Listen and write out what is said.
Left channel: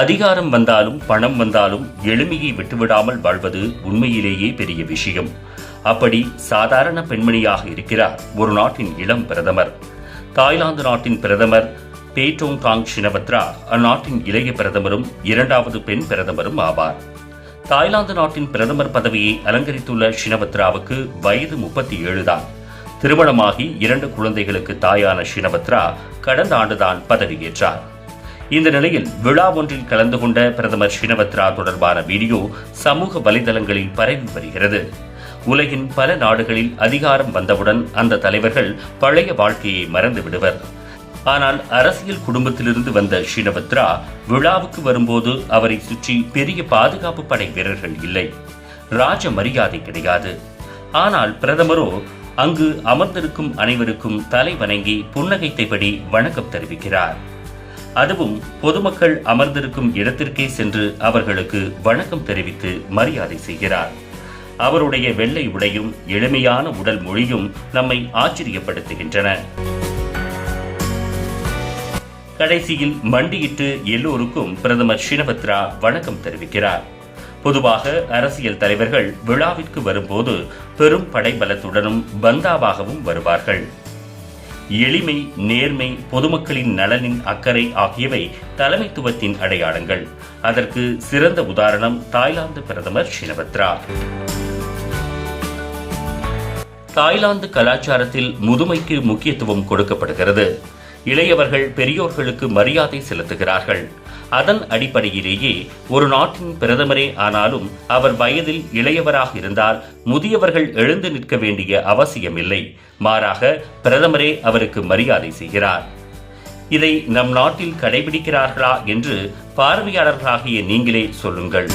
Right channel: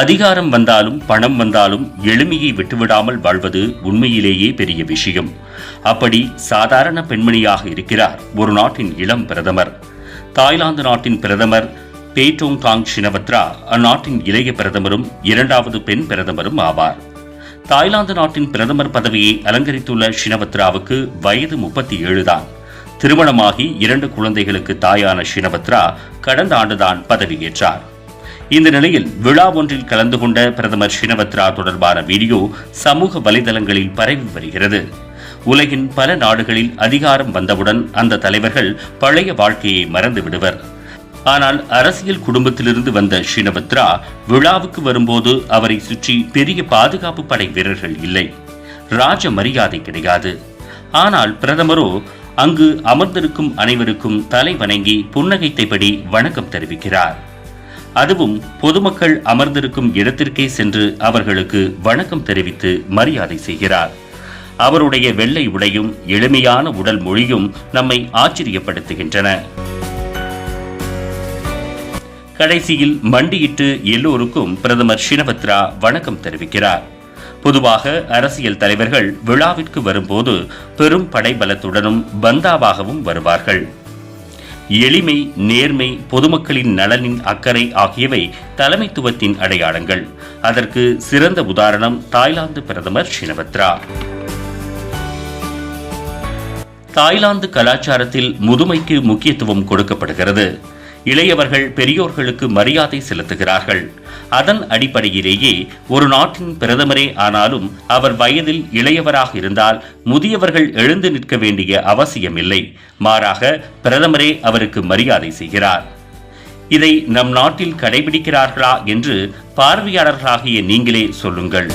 அதிகாரம் வந்தாலும் பணம் வந்தாலும் எளிமையை விட்டுவிடாமல் வாழ்வது உண்மையிலேயே பெரிய விஷயம். அப்படி சாதாரண பெண்மணியாக இருக்கிறார் ஒரு நாட்டின் இளம் பிரதமர். தாய்லாந்து நாட்டின் பிரதமர் பேட்டோங் டாங் ஷினவத்ரா அந்நாட்டின் இளைய பிரதமரும் இரண்டாவது பெண் பிரதமரும் ஆவார். தாய்லாந்து நாட்டின் பிரதமர் பதவியை அலங்கரித்துள்ள ஷினவத்ராவுக்கு வயது முப்பத்தி ஏழு தான். திருமணமாகி இரண்டு குழந்தைகளுக்கு தாயான ஷினவத்ரா கடந்த ஆண்டுதான் பதவியேற்றார். இந்த நிலையில் விழா ஒன்றில் கலந்து கொண்ட பிரதமர் ஷினவத்ரா தொடர்பான வீடியோ சமூக வலைதளங்களில் பரவி வருகிறது. உலகின் பல நாடுகளில் அதிகாரம் வந்தவுடன் அந்த தலைவர்கள் பழைய வாழ்க்கையை மறந்து விடுவர். ஆனால் அரசியல் குடும்பத்திலிருந்து வந்த ஷினவத்ரா விழாவுக்கு வரும்போது அவரை சுற்றி பெரிய பாதுகாப்பு படை வீரர்கள் இல்லை. ராஜ மரியாதை கிடையாது. ஆனால் பிரதமரோ அங்கு அமர்ந்திருக்கும் அனைவருக்கும் தலை வணங்கி புன்னகைத்தபடி வணக்கம் தெரிவிக்கிறார். அதுவும் பொதுமக்கள் அமர்ந்திருக்கும் இடத்திற்கே சென்று அவர்களுக்கு வணக்கம் தெரிவித்து மரியாதை செய்கிறார். அவருடைய வெள்ளை உடையும் எளிமையான உடல் மொழியும் நம்மை ஆச்சரியப்படுத்துகின்றன. கடைசியில் மண்டியிட்டு எல்லோருக்கும் பிரதமர் ஷினபத்ரா வணக்கம் தெரிவிக்கிறார். பொதுவாக அரசியல் தலைவர்கள் விழாவிற்கு வரும்போது பெரும் படைபலத்துடனும் பந்தாவாகவும் வருவார்கள். எளிமை நேர்மை பொதுமக்களின் நலனின் அக்கறை ஆகியவை தலைமைத்துவத்தின் அடையாளங்கள். அதற்கு சிறந்த உதாரணம் தாய்லாந்து பிரதமர் ஷினபத்ரா. தாய்லாந்து கலாச்சாரத்தில் முதுமைக்கு முக்கியத்துவம் கொடுக்கப்படுகிறது. இளையவர்கள் பெரியோர்களுக்கு மரியாதை செலுத்துகிறார்கள். அதன் அடிப்படையிலேயே ஒரு நாட்டின் பிரதமரே ஆனாலும் அவர் வயதில் இளையவராக இருந்தால் முதியவர்கள் எழுந்து நிற்க வேண்டிய அவசியமில்லை. மாறாக பிரதமரே அவருக்கு மரியாதை செய்கிறார். இதை நம் நாட்டில் கடைபிடிக்கிறார்களா என்று பார்வையாளர்களாகிய நீங்களே சொல்லுங்கள்.